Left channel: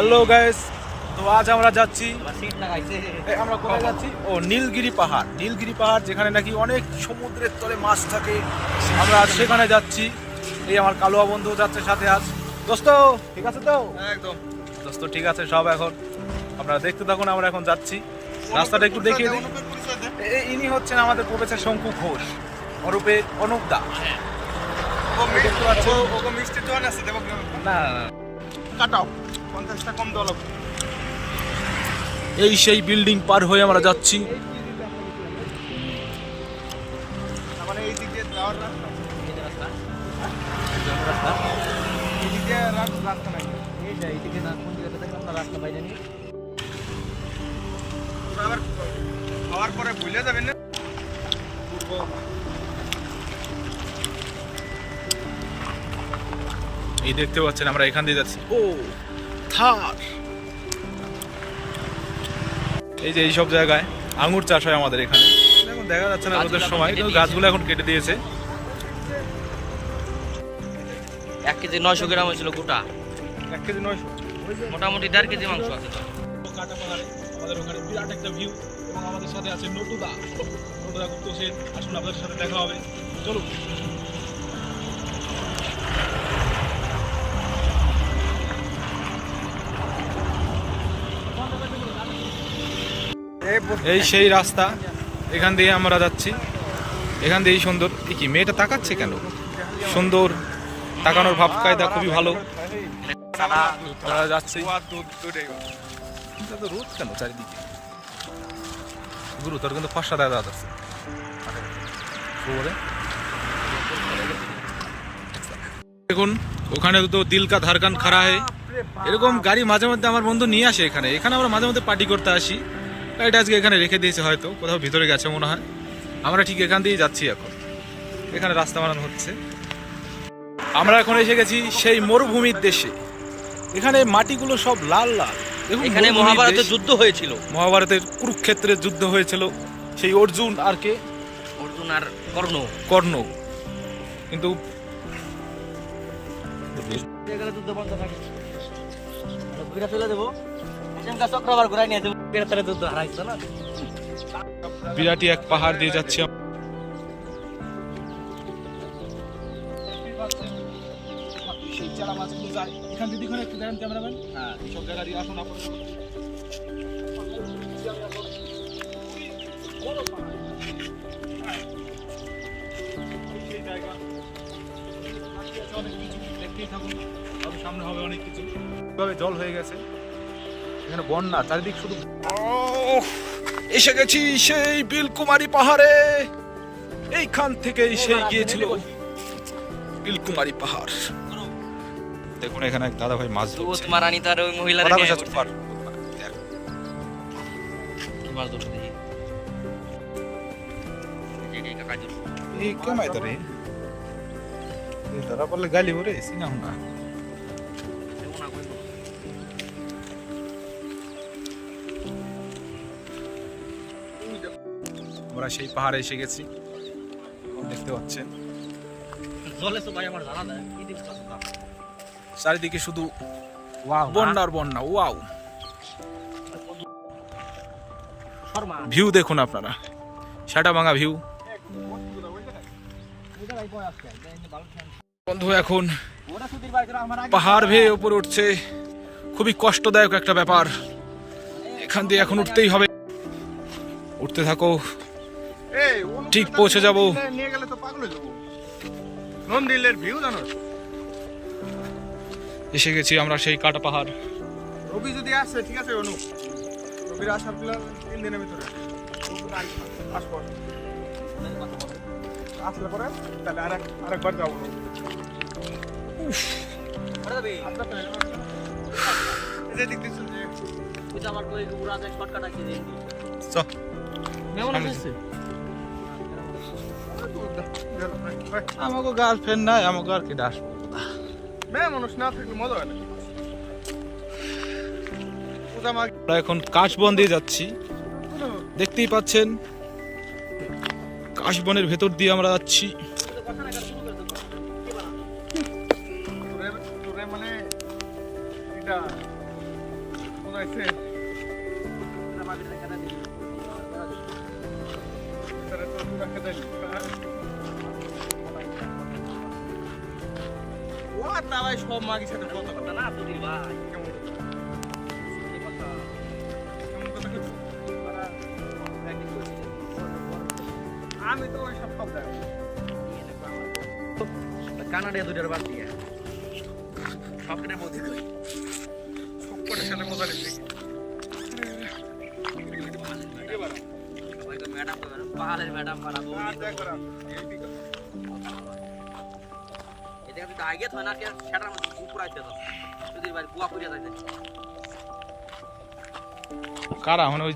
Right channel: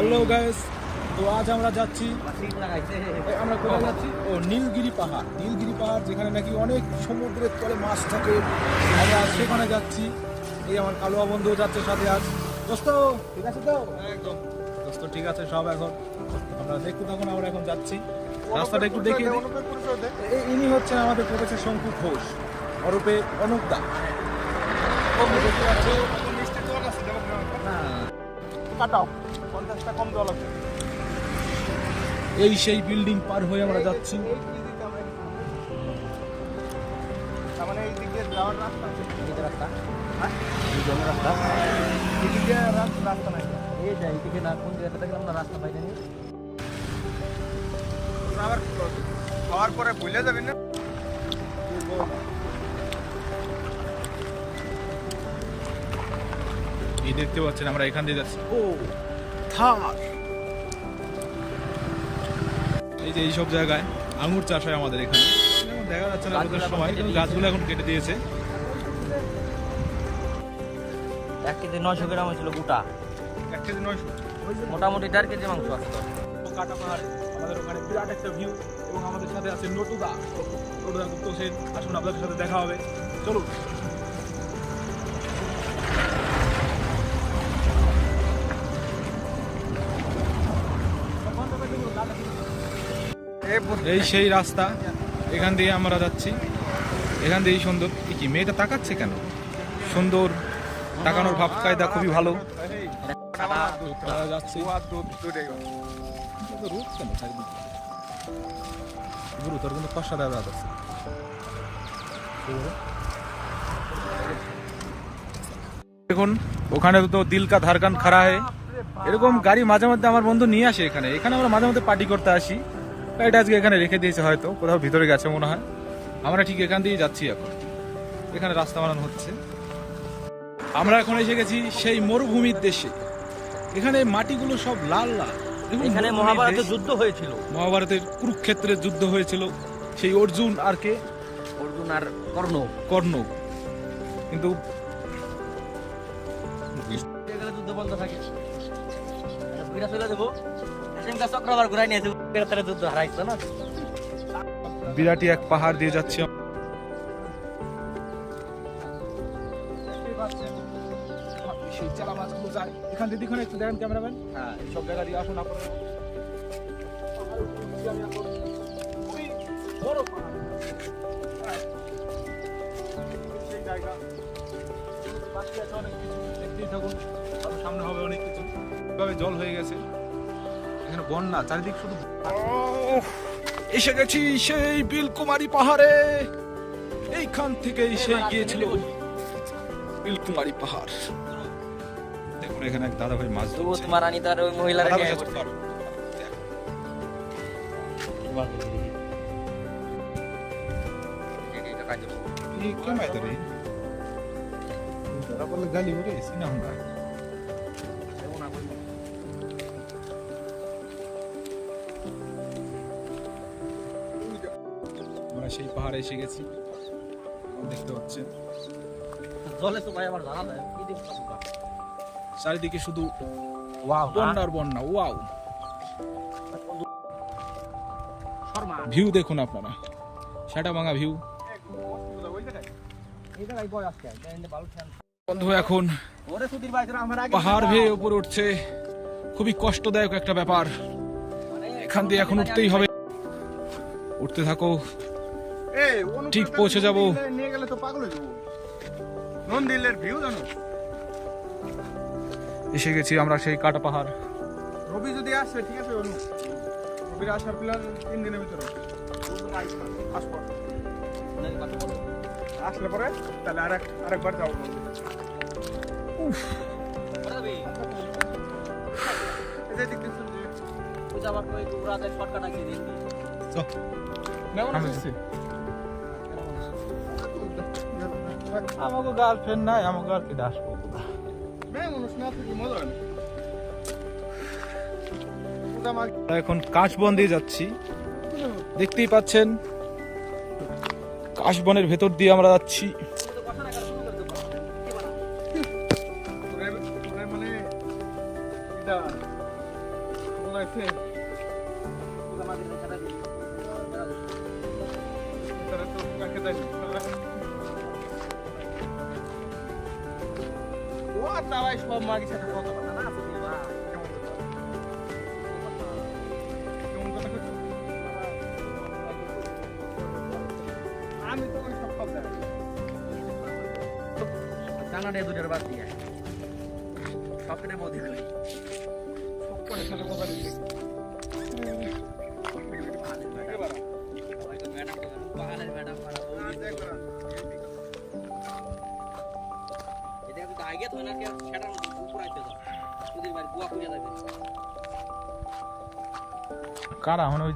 Hello guys তো আজ আমরা যাচ্ছি আমরা কোথায় যাচ্ছি? ও নীলগিরি পাহাড়। নীলগিরি পাহাড় যেখানে নাকি অনেক সমুদ্রের তলে মাছ থাকে। আমরা আজ সেখানে যাচ্ছি। এই আমার কালোয়া বন্ধু যাচ্ছে সাথে আজ। দোস্ত ঠিক আছে তো? একদম। দোস্ত ঠিক আছে সব এখন। আপনারা দেখতে থাকুন আমরা এখন যাচ্ছি। রাস্তাটা একটু দেখিয়ে দিই। ইনি হচ্ছেন আমাদের প্রফেসর শঙ্কু ঘোষ অরূপে অনুপ দা। মিষ্টি তো আছে না। কাটাও। এই সেই বিল্ডিং পার হয়ে আমরা যাচ্ছি। মানে খাওয়ার পরে ভুলে যাবেন না? এই দেখতে পাচ্ছেন আমরা এখান দিয়ে যাচ্ছি। ও! থার এই যে এইসব জায়গায় আঙুর চাষ হয় আমাদের এখানে। এখন দেখা যাচ্ছে না রোদের সময় কিন্তু গাছগুলো এখন কেটে দিয়েছে। এক কেজি নয়শো গ্রাম হয়েছিল গোটা। এক কেজি নয়শো। মোটামুটি দেড় কেজি মাংস আছে কাটা পাহাড়ে আমাদের ওখানে বিরাট একটা ভিউ এবং আমাদের সাথে আছে নটুদা। নটুদা গুপ্ত সেন। আসুন আপনাদের সাথে দেখা হবে। চলুন। এই সেই রাস্তা এখান দিয়ে আমরা যাচ্ছি। এখান দিয়েই সুন্দর। এ কি মেয়েটা তাকাচ্ছে কেন? সুন্দর তাকানোর ভাব কায়দা খুবই ভালো। যাচ্ছি। রোদ কেন চারিদিকে? গুরু তোর কিন্তু ফসা যাচ্ছে দেখুন ওখানে তো দিল কা ধারকান খাড়া হয়। এরকম গাড়ি মাঝে মধ্যে আমার বন্ধু নিয়ে আসে এখানে। এখানে আমরা মাঝে মধ্যে পার্টি করতে আসি। গাড়িটা আজকে এখানে রেখে দিয়েছে হয়তো কোথাও ভিতরে গেছে মনে হয়। আমরা ঠিক এখান দিয়েই যাচ্ছি এখন। এখানে রাস্তা বানানো হচ্ছে। আমরা এখন এসে গেছি সেই মরুভূমির দেশে। এখানে মাটিগুলো সব লাল লাল। এখানে মহাভারতের যুদ্ধ হয়েছিল। মহাভারতের কুরুক্ষেত্রের যুদ্ধ হয়েছিল। সেই অর্জুন আর কে? অর্জুন আর কর্ণ। কর্ণ। কিন্তু এখানে যুদ্ধ বন্ধ থাকে। বিরাটি এক পাহাড় দিয়ে যাচ্ছি এখান একটু দেখেন ক্যামেরাম্যান। হ্যাঁ সব জায়গা দিয়ে আসুন আপনারা সেই জায়গা বাকি আছে অনেক কিছু। দেখতেই থাকুন সামনে হবে অনেক কিছু। এভাবে জল হয়ে গেছে। এখানে বন্যা চারিদিক শুধু এসে গেছি সেই বিলকুমারী পাহাড়ে এইখান থেকেই সেই গিয়েছিল বিলকুমারী পাহাড় দেখুন এখানে এক দাদা ভাই মাছ দুধ ধরছে মারানি তার ওই মহিলার কথা বলছে তো পারো। মাছ ধরছে দেখি এই যে কাকা ধরছে। ये क्या माहिती रे जरा पडले गाली हो रे सिना हुना আমরা সেই পাহাড়ে এসে গেছি। এখন দেখতে পাচ্ছেন। চারিদিকে শুধু বন্যার বন্যা ওয়াও ভিউ দেখুন আপনারা। সাটা ভাঙা ভিউ বন্ধু এখন পাহাড় ভেয়ে উপরে উঠছে। খুবই কষ্টদায়ক একটা ব্যাপার। এখান দিয়ে এখন উঠতেই হবে। উঠতে থাকো। ঠিক পৌঁছে যাব। নিয়ে গেলে তো পাগল হয়ে যাব। ভিউ জানো এসে গেছি আমরা সেই কাটা পাহাড়। রবি যদি আসে ঠিক আছে অনু। রবির আসার প্ল্যান তিন দিনের ভিতরে। আসলে পরে তাহলে আরেক আরেকবার যাব। যে এটা আমার শর্টকাট আছে চ আমাকে গার্লফ্রেন্ড নাই আমাকে আর কি মেয়ে মানুষ না থাকলে মজা হয় আমার এখন কাশবন দিয়ে যাচ্ছি। দেখতেই পাচ্ছেন কাশবনের ভেতর দিয়ে আমরা যাচ্ছি। না আর না ভাই সব মাগির সাথে কথা না ভাই কেমন কথা? কথা কইছো? আমি তো ওই সব জানি কানাডা দুটার বাদ দিয়ে। সবকিনের মধ্যে কই? সব কটার সাথে মজা নিচ্ছে ম্যাডাম পাহাড়ের ম্যাডাম বানাবো আগে তো না সেটার মধ্যে উপর আসতে তো যদি ভাই বুয়া করিয়া যাইতে কারা? মানে ওই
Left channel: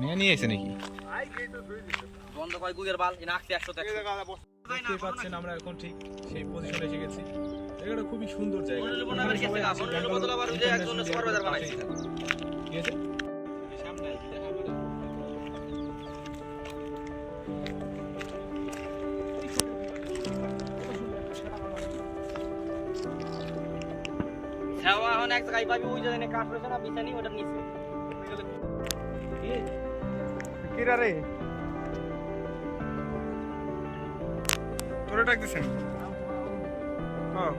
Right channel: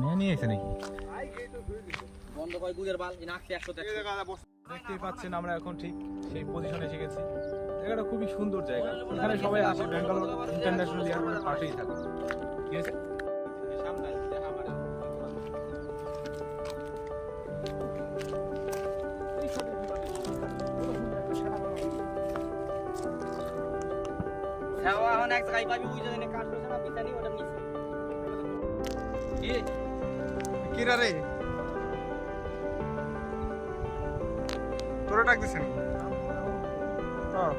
নিয়ে নিয়ে এসে নাকি। বন্ধ করে গুগের বাল আসছে একশো দেখতে পাচ্ছেন আমরা এখন ঠিক সেই পজিশনে এসে গেছি। জায়গাটা খুবই সুন্দর জায়গা। এখানে সবাই আসে ব্যাঙ্গালোর ইন্টারন্যাশনাল এয়ারপোর্টের পাশেই থাকে। ঠিক আছে? এখন এক জায়গায় পাবি ওই জায়গায় কাঠ রয়েছে না বিছানি ওটা নিচে কি রে তোরা ডাক দিছেন হ্যাঁ